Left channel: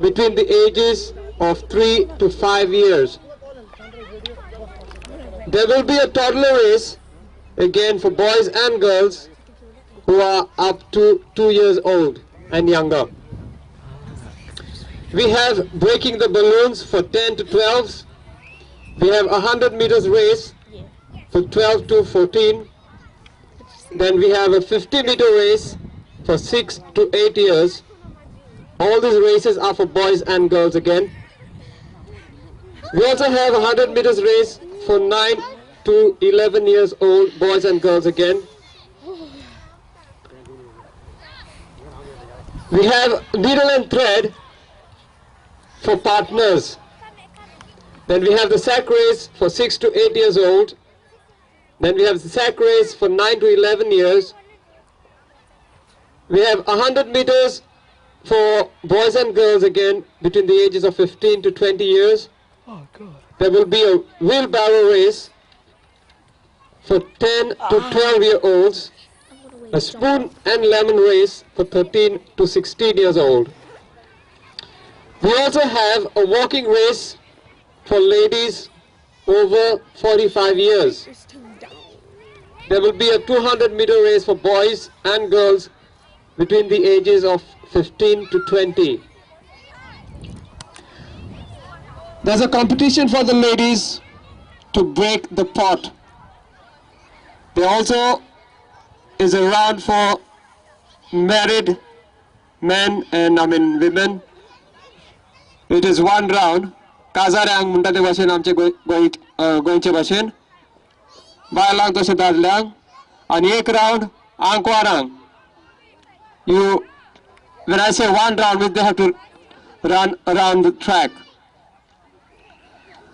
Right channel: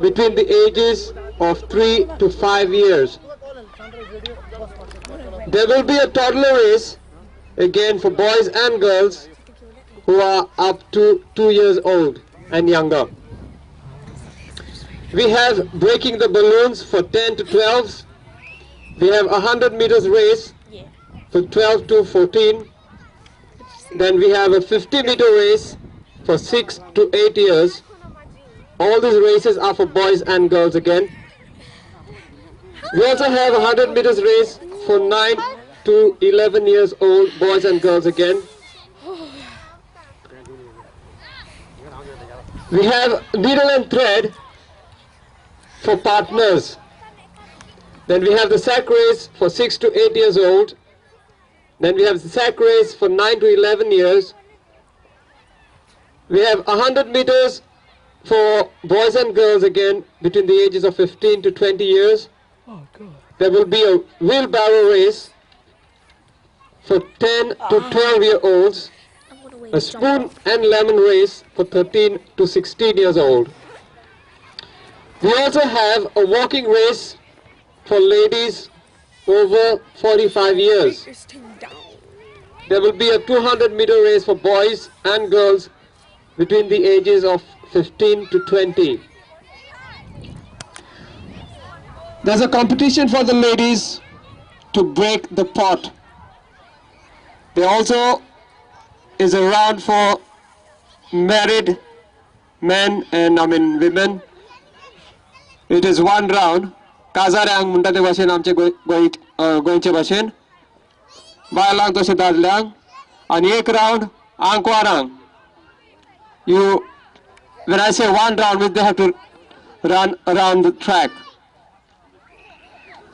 between the ages of 3 to 5 years. There will be a toddler race again for boys and girls who are up to 2 years old and younger. We have breaking the balloons for 10 to 12s. We have a 100 meters race for 12 to 14. Then we have a 50-meter race for 6 to 8 years. All these races are for boys and girls again. We also have a 100 meters race for 9 to 11 years old boys and girls again. We have needle and thread for partners. Then we have the sack race for 6 to 8 years old. Then we have the sack race for 9 to 11 years. We have 100 meters for boys and girls again between the ages of 15 to 20 years. There will be a wheelbarrow race for 10 to 12-year-olds. A spoon and lemon race for 13 to 16 years old. We also have a walking race for ladies over 45 years. There will be a 200-meter race for boys and girls between the ages of 15 to 20. There's a competition for the ladies to break the pot. There also is a round for married men and women. It is one round. Kazarang muntate bashen amche goinche bashen. Bailang to sedadlang. And ek round angkwarang. When I say one round, they have to run around the track.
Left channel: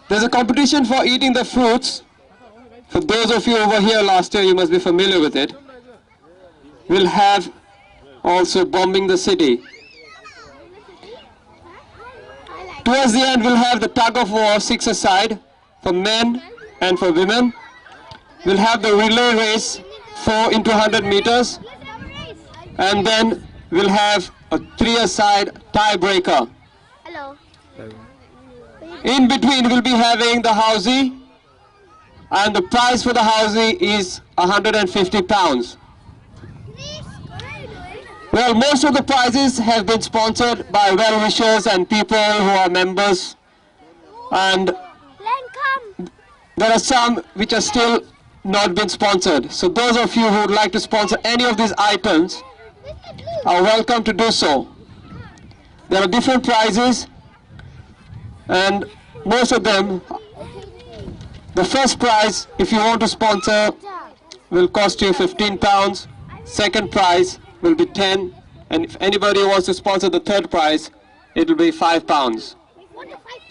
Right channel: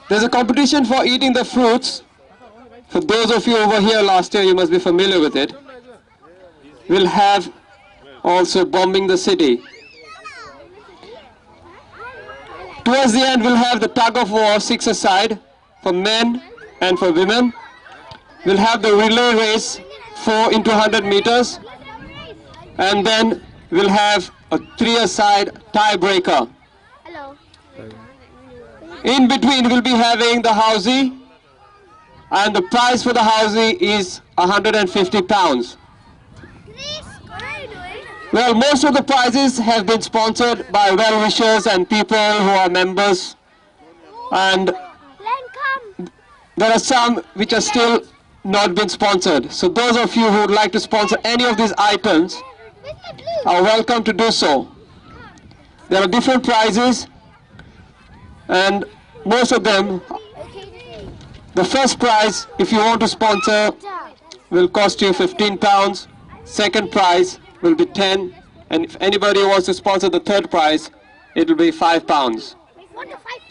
There's a competition for eating the fruits. For those of you over here last year, you must be familiar with it. We'll have also bombing the city. Towards the end, we'll have the tug of war 6-a-side for men and for women. We'll have the relay race 4 into 100 meters. And then we'll have a 3-a-side tiebreaker. Hello. In between, we'll be having the housey. And the prize for the housey is 150 pounds. Well, most of the prizes have been sponsored by well-wishers and people who are members. And there are some which are still not been sponsored. So those of you who would like to sponsor any of these items are welcome to do so. There are different prizes, and most of them, the first prize, if you want to sponsor, will cost you 15 pounds. Second prize will be 10, and if anybody wants to sponsor the third prize, it will be 5 pounds.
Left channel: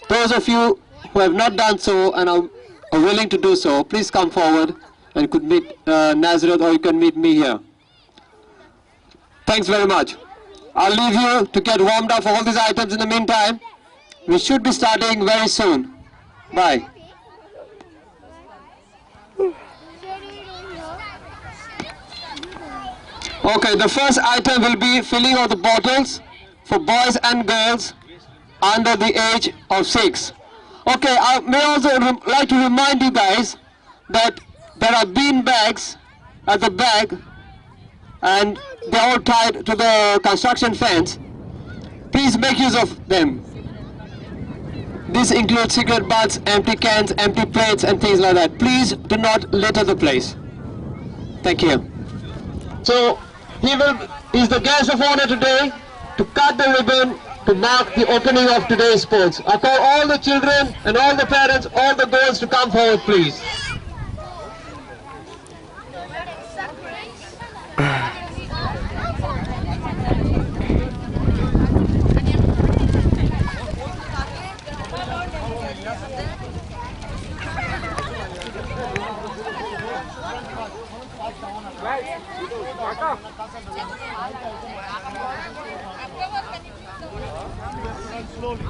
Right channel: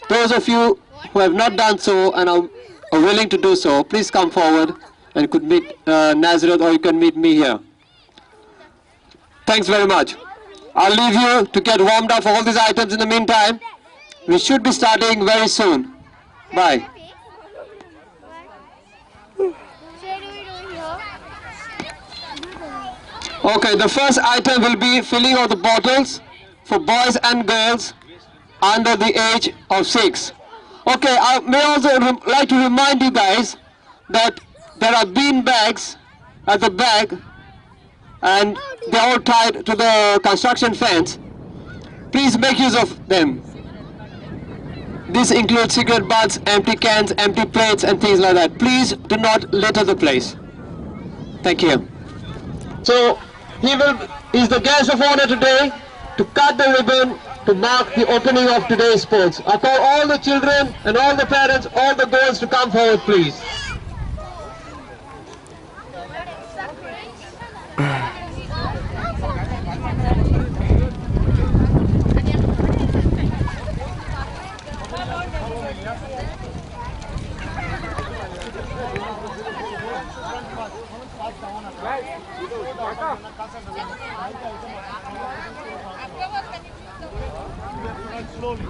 Those of you who have not done so and are willing to do so, please come forward and you could meet Nazareth, or you can meet me here. Thanks very much. I'll leave you to get warmed up for all these items in the meantime. We should be starting very soon. Bye. Okay, the first item will be filling of the bottles for boys and girls under the age of 6. Okay, I may also like to remind you guys that there are bean bags at the back, and they're all tied to the construction fence. Please make use of them. This includes cigarette butts, empty cans, empty plates, and things like that. Please do not litter the place. Thank you. So, he's the guest of honor today to cut the ribbon to mark the opening of today's sports. I call all the children and all the parents, all the girls to come forward, please.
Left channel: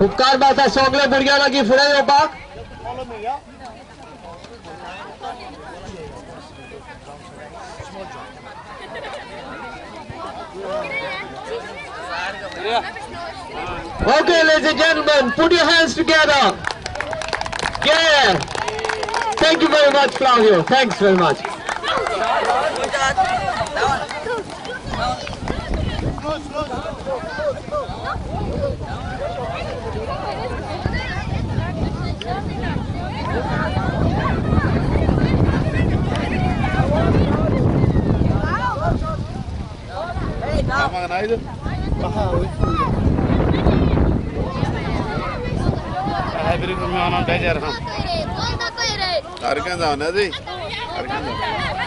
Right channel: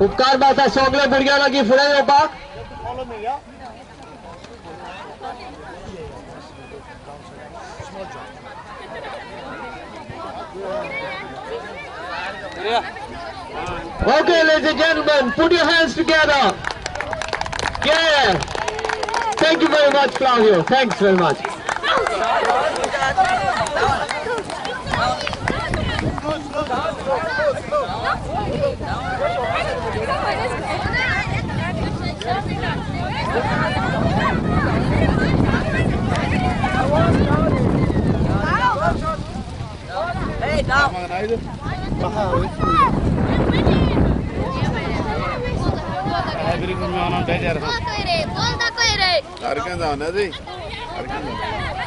उपकार बाता सोगले भुरग्यां लागीं फुडें येवपाक Okay, ladies and gentlemen, put your hands together. Yeah. Thank you very much, Flavio. Thanks very much.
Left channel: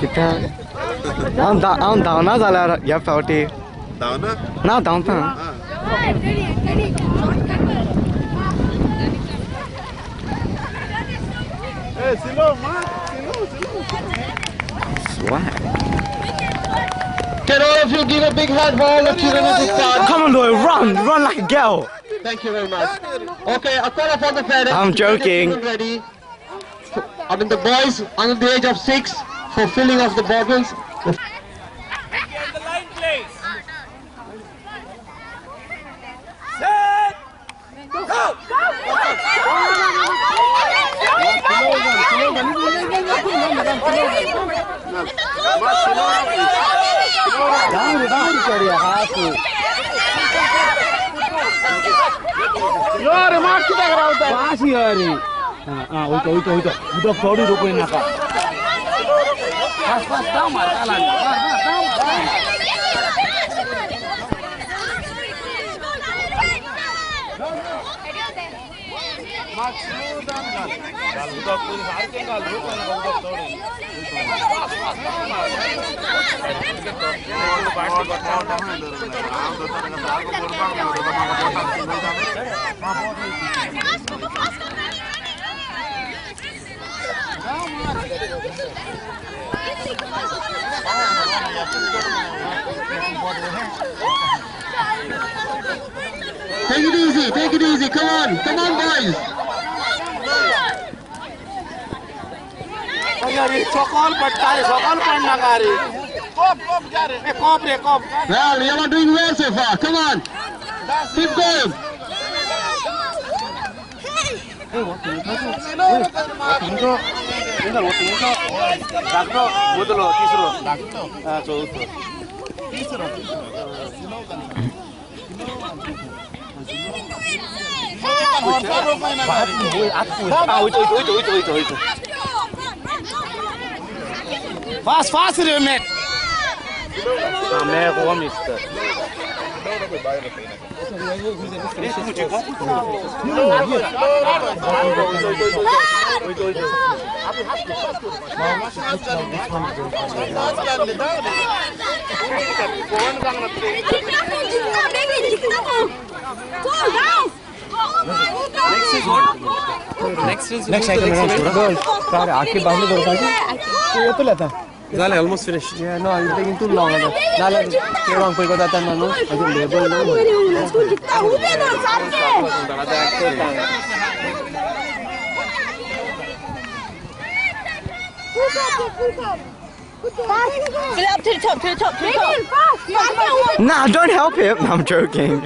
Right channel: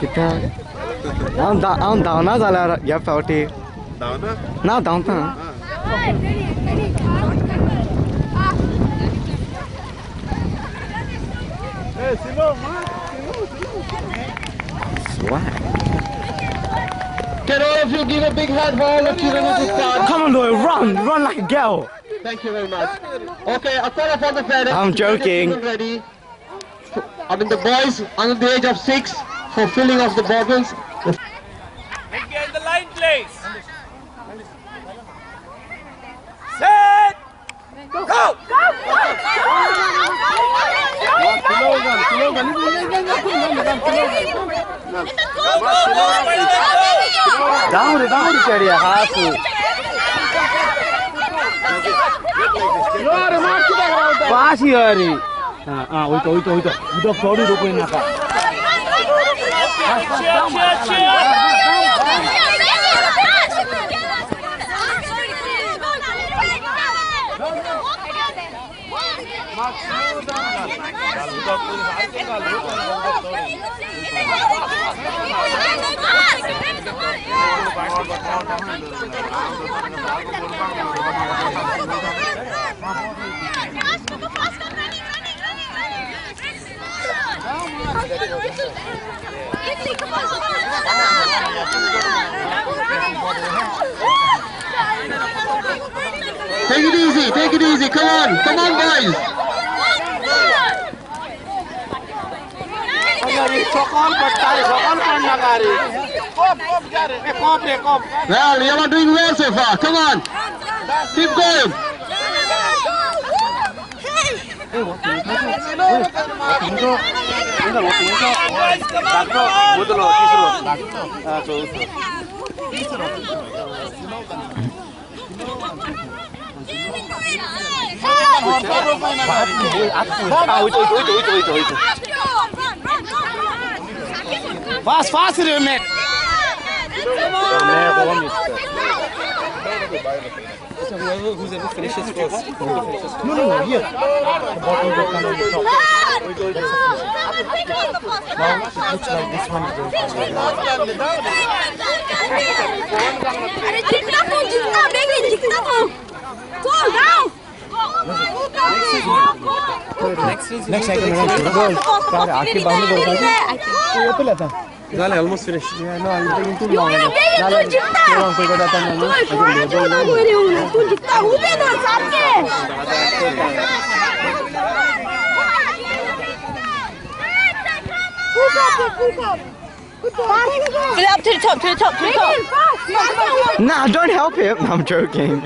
Kita I'm down na zala ya pauti. Down na? Na down ta. Hey, slow man. Swag. Can all of you give a big hand for all the children at this time? Come on, boy, run like a girl. Thank you very much. Okay, I call upon the parents. I'm joking. Ready. I mean the boys under the age of 6 for filling of the bottles. Get in the line, please. Set. Go. Down chadiya half. Yaar, mark kita kara hota hai. Pass hi yaari. Oi to. Udo thodi roko na ka. Take it easy. Come on, boys. Sokol patta hai, sokol panna kari. Kop. Well, you are doing well so far. Come on. Keep going. Fast, remake. Next cycle आके बाहर दौड़ता है ये तो लेता Zale almost finished. Yeah, no, I'm taking too long. Zale, too long for that time. No, I can Fill it up to the top. Nah, don't help him. I'm joking.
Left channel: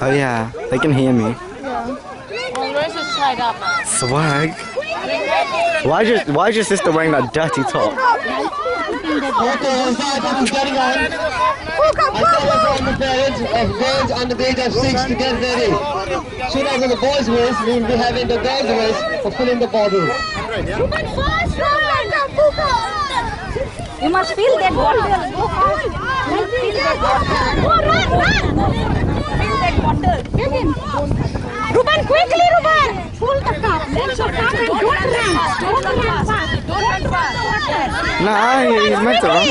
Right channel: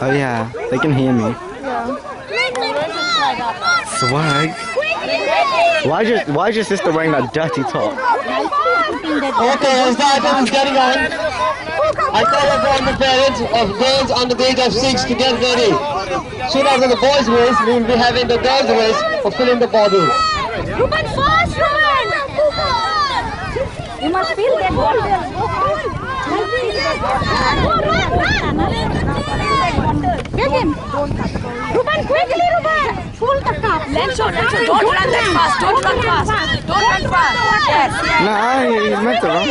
Oh yeah, they can hear me. Swag. Why is your sister wearing that dirty top? Okay, as the item is getting on, I call upon the parents of girls under the age of 6 to get ready. Soon after the boys' race, we will be having the girls' race for filling the bottles. Ruben, fast run! You must fill that bottle. Get him. Ruben, quickly, Ruben. Full the cup. Let's go. Don't run that fast. Don't run fast. Yes. Nah, he's meant to run.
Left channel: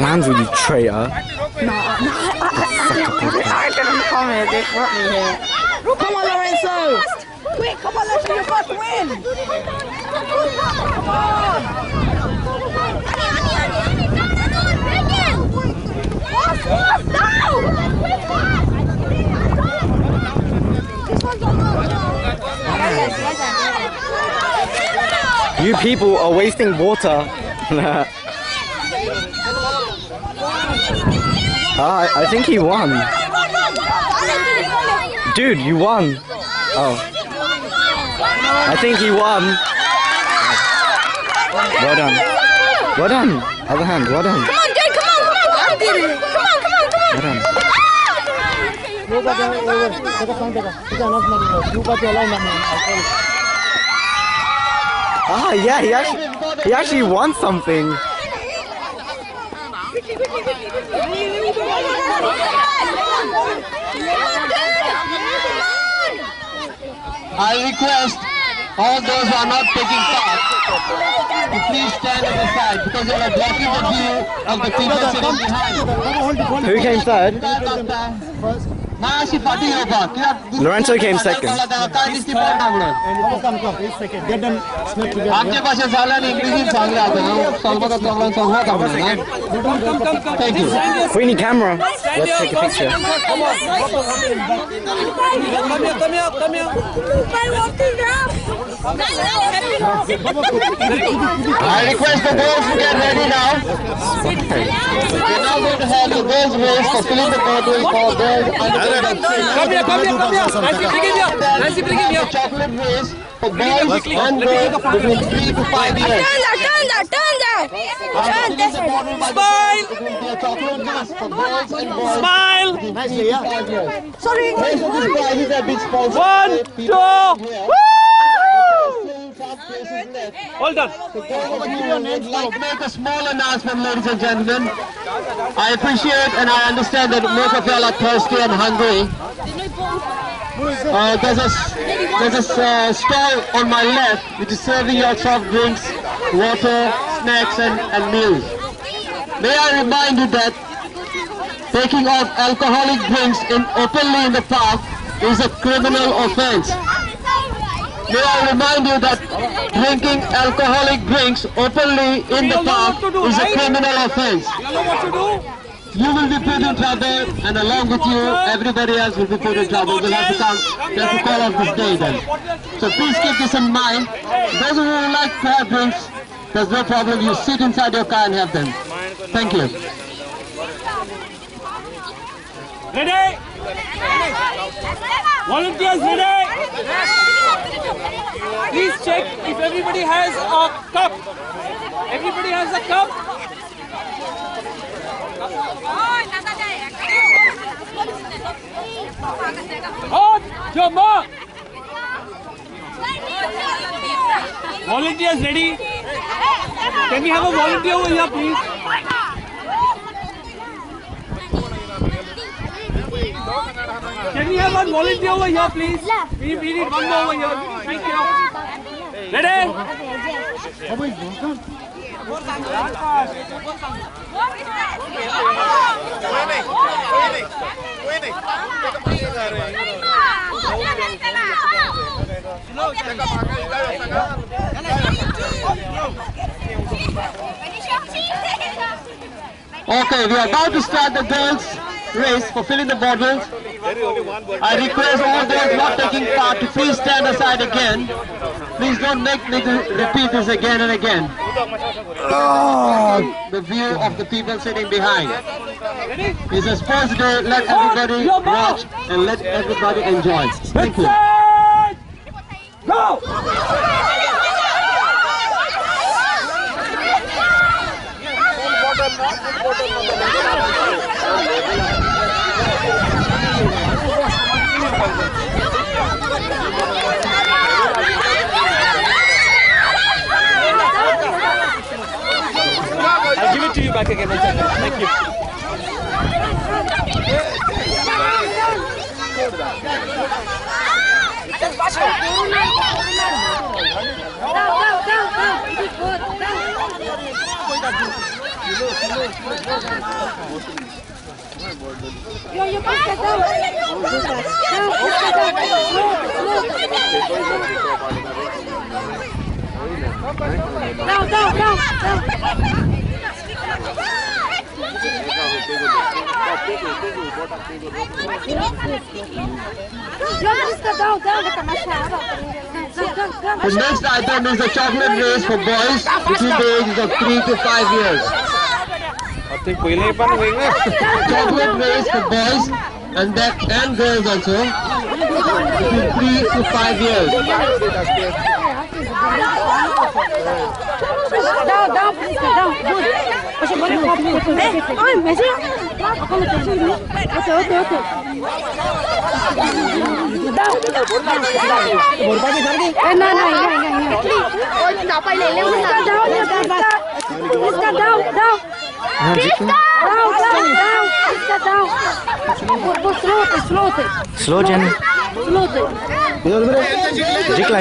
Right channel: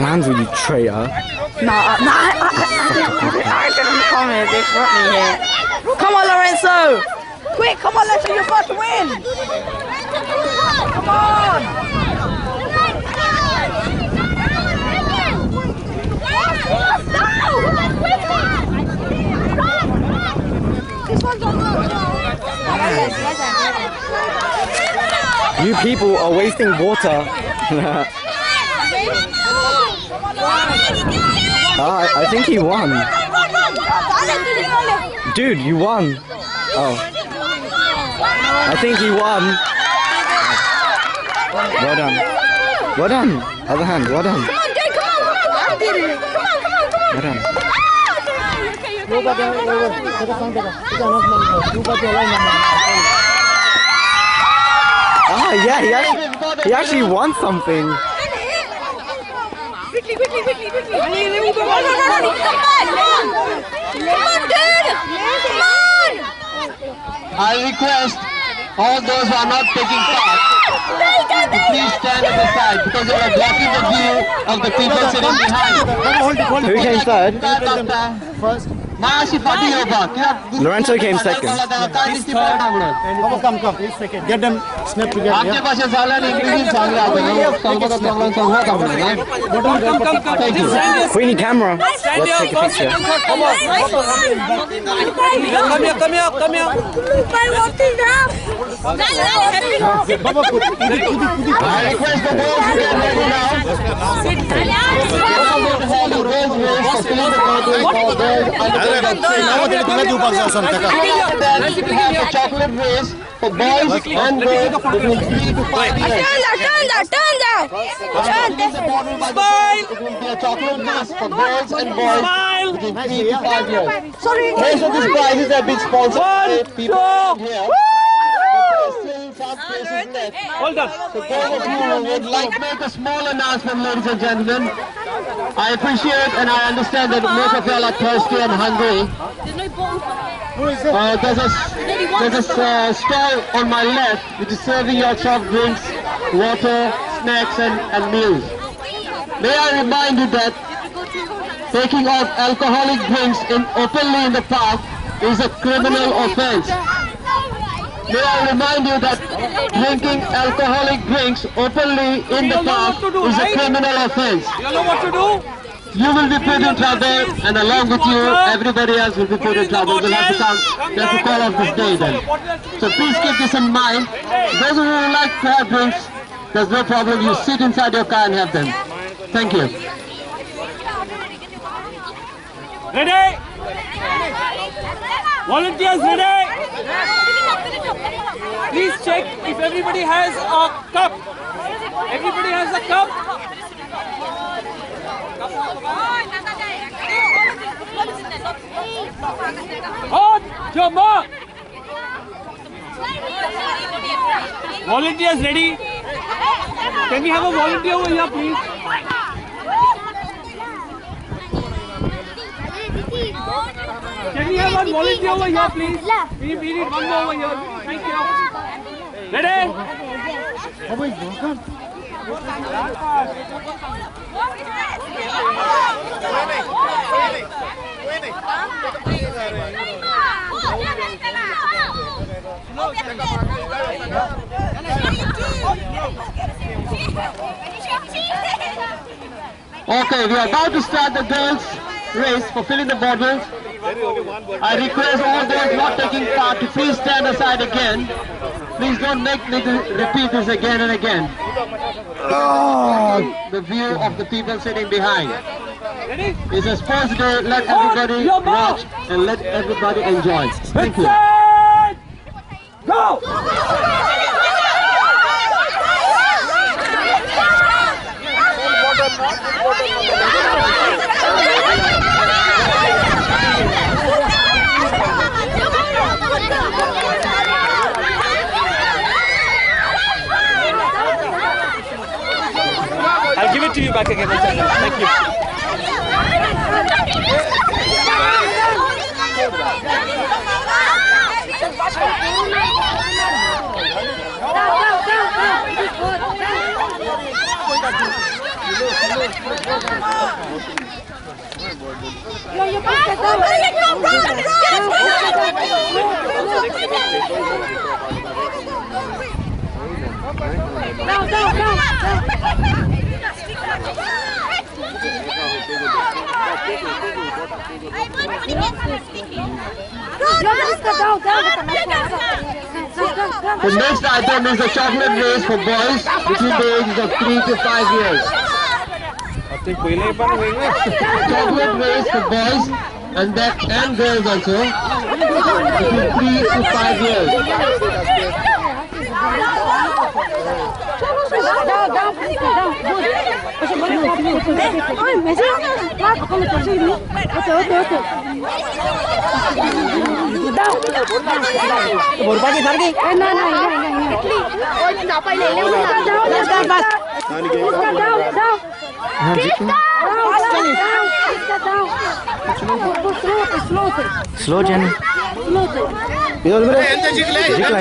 Lands with you, traitor. Come on, Lorenzo. Quick, come on, let's see your first win. Come on. You people are wasting water. I think he won. Dude, you won. Oh. I think he won. Well done. Well done. Other hand, well done. Come on, dude, come on. Well done. Ah, yeah, he actually won something. Quickly. Come on, dude. Come on. I request all those who are not taking part to please stand at the side because they are blocking the view of the people sitting behind. Who came third? Lorenzo came second. Come. He's second. Get them snap together. आपके पास ये साला नहीं English चांगले आते हैं वो solve का problem solve होगा हम Thank you. We need camera. Let's take a picture. Come here. I request the girls to get ready now. We're now going to have the girls race for filling the bottle for girls under the chocolate race for boys and girls between 3 to 5 years. Turn that. Smile! It will be a chocolate race for girls and boys between 3 to 5 years. Sorry. Most of these prizes have been sponsored by people here. Hold on. So those of you who would like to make a small announcement, ladies and gentlemen, I appreciate and I understand that most of y'all are thirsty and hungry. There's a stall on my left which is serving your soft drinks, water, snacks and meals. May I remind you that taking of alcoholic drinks openly in the park is a criminal offense. May I remind you that drinking alcoholic drinks openly in the park is a criminal offense. You know what to do? You will be put in trouble, and along with you, everybody else will be put in trouble. We'll have to call off this day then. So please keep this in mind. Those who would like to have drinks, there's no problem. You sit inside your car and have them. Thank you. Ready? Volunteers ready? Please check if everybody has a cup. Everybody has a cup? On your mark. Volunteers ready? Can we have a volunteer over here, please? Can we have one volunteer over here, please? We need one more over here. Thank you. Ready? Okay, we are about to start the girls' race for filling the bottles. I request all those not taking part to please stand aside again. Please don't make me repeat this again and again. The view of the people sitting behind. It's a sports day. Let everybody watch and let everybody enjoy. Thank you. Go! I'll give it to you back again. Thank you. The next item is the chocolate race for boys between the ages of 3 to 5 years. Chocolate race for boys and girls also between 3 to 5 years. Slow, Jenny.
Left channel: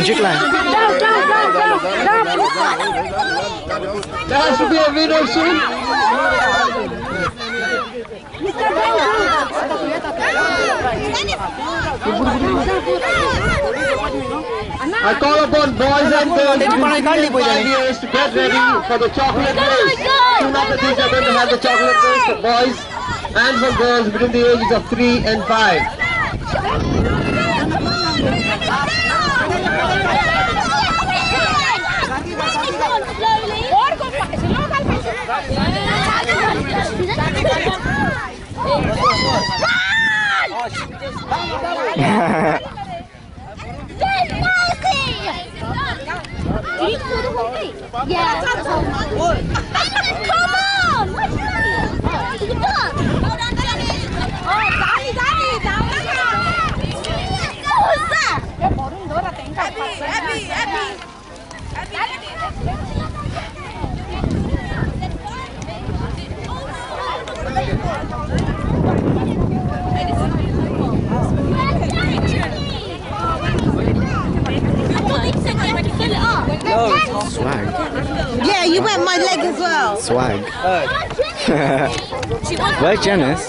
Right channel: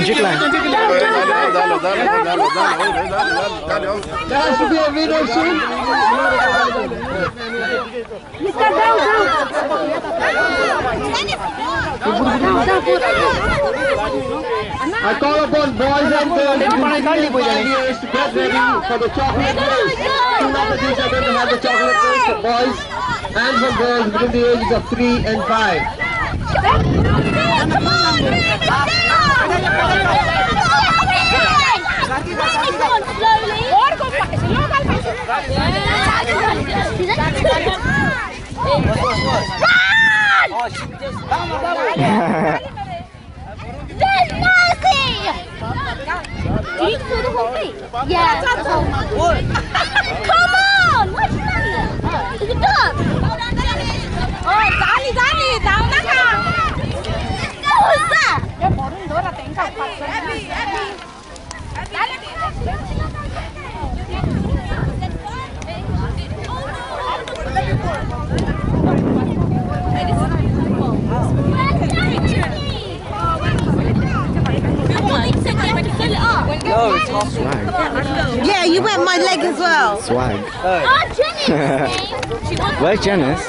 Jikla. There has to be a winner soon. I call upon boys and girls between 3 and 5 years to get ready for the chocolate race. Soon after this, we are going to have the chocolate race for boys and for girls between the ages of 3 and 5. Yeah. Come on! What's that? Is it done? Oh, Dani, down who's that? No, it's not swag. Yeah, you went my leg as well. Swag. Where's Janice?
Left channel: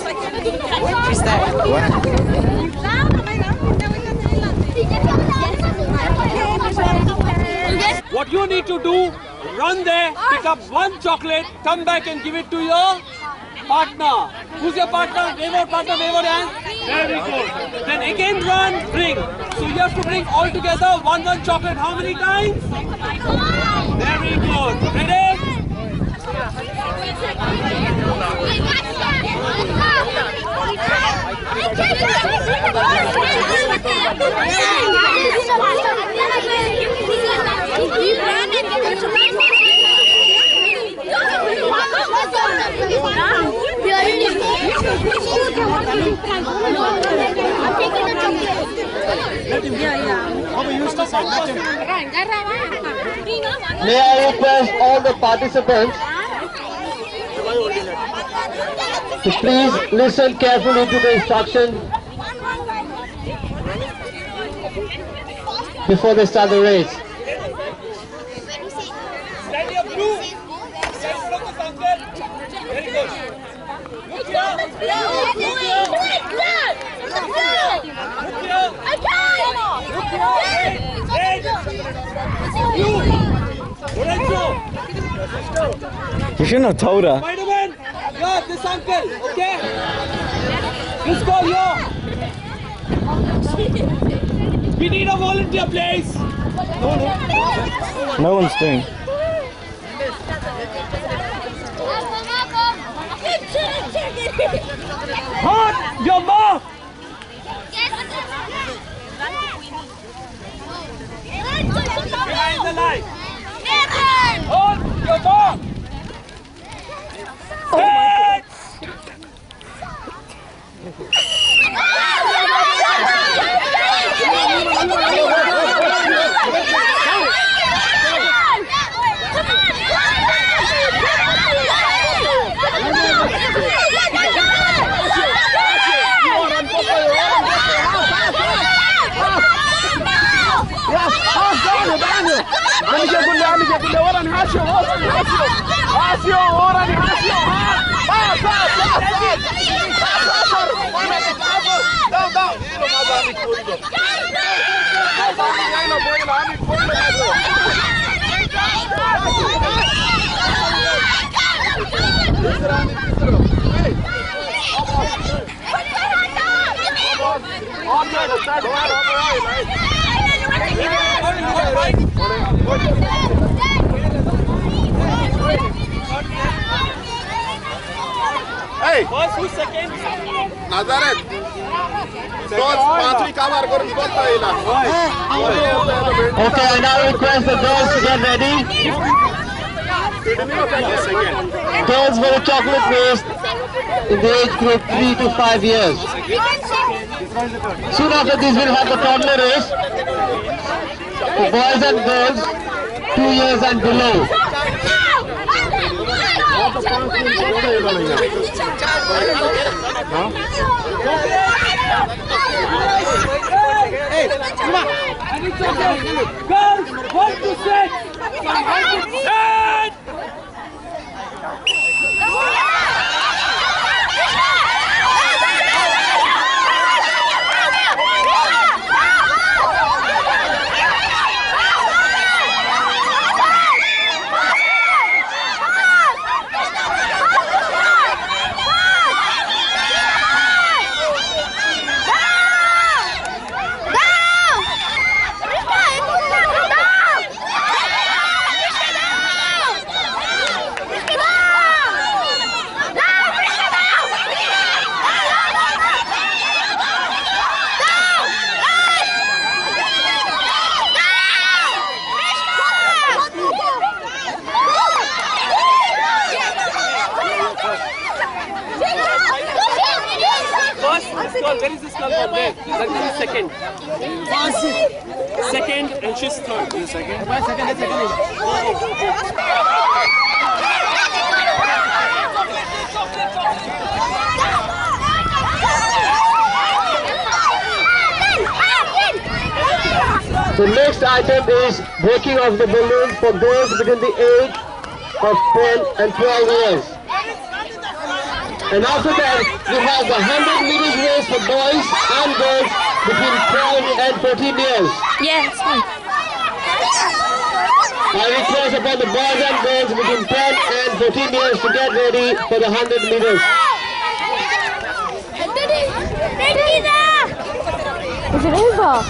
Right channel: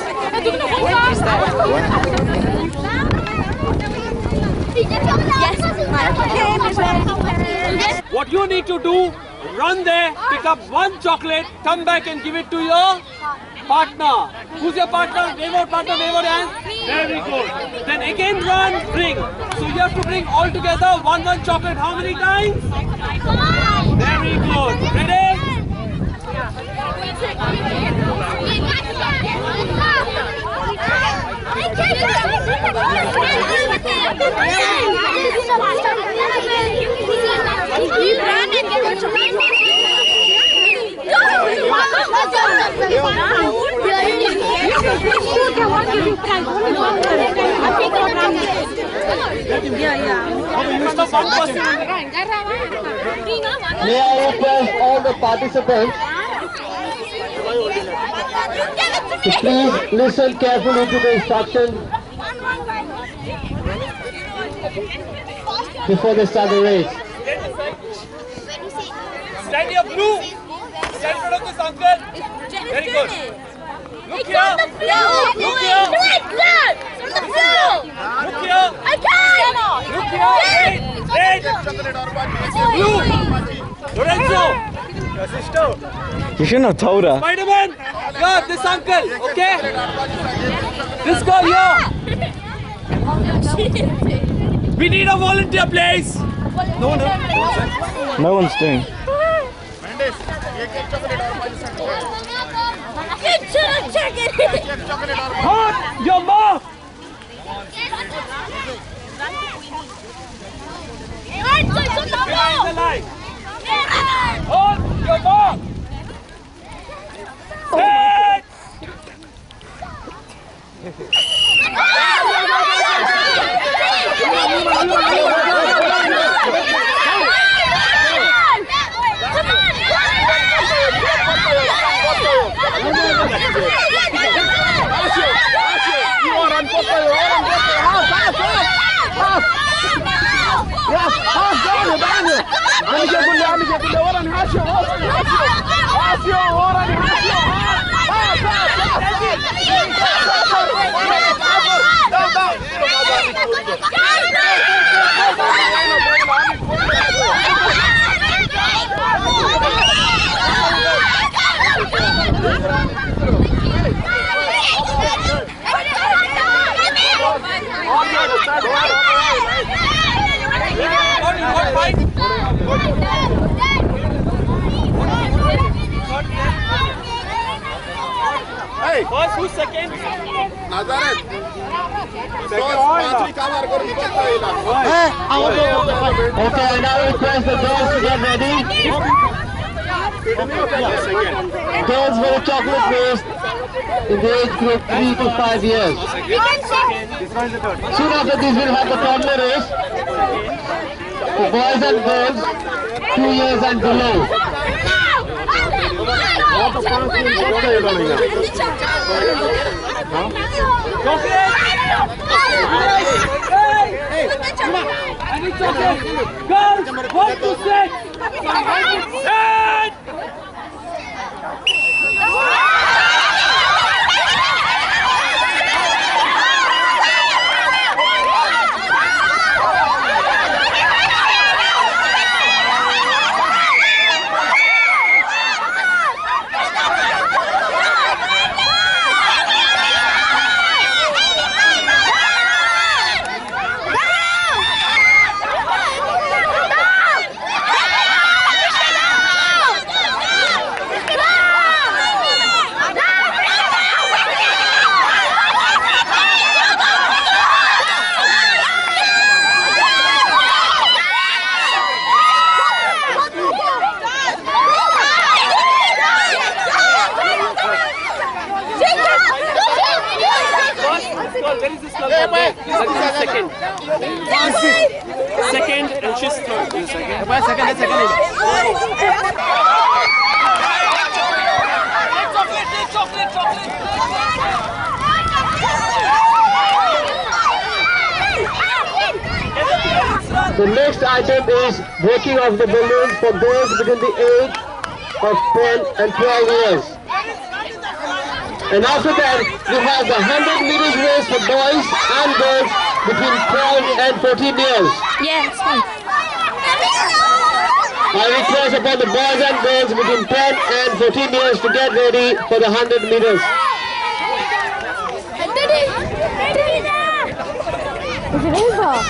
What you need to do, run there, pick up one chocolate, come back and give it to your partner. Who's your partner? Wave out partner, wave out hand. Very good. Then again run, bring. So you have to bring all together one chocolate. How many times? Very good. Ready? May I request all the participants to please listen carefully to the instructions before they start the race. Stand here, blue. Stand in front of this uncle. Very good. Look here. Look here. Look here. Look here. Red. Blue. Lorenzo. You shouldn't have told her. Spider-Man. Yeah, this uncle. Okay. This girl here. We need a volunteer, please. No one's doing. Hold your mouth. Behind the line. Hold your mouth. Hey! First, who's second? Okay, I now request the girls to get ready. Girls with a chocolate waist in the age group 3 to 5 years. Soon after this, we'll have the toddler race for boys and girls 2 years and below. I need chocolate. Girls, 1 to 6. Set. Where is this girl? Second. Second, and she's third. Second. The next item is breaking of the balloon for girls between the age of 10 and 12 years. And after that, we have the 100 meters race for boys and girls between 12 and 14 years. Yes. I request upon the boys and girls between 10 and 14 years to get ready for the 100 meters. Is it over?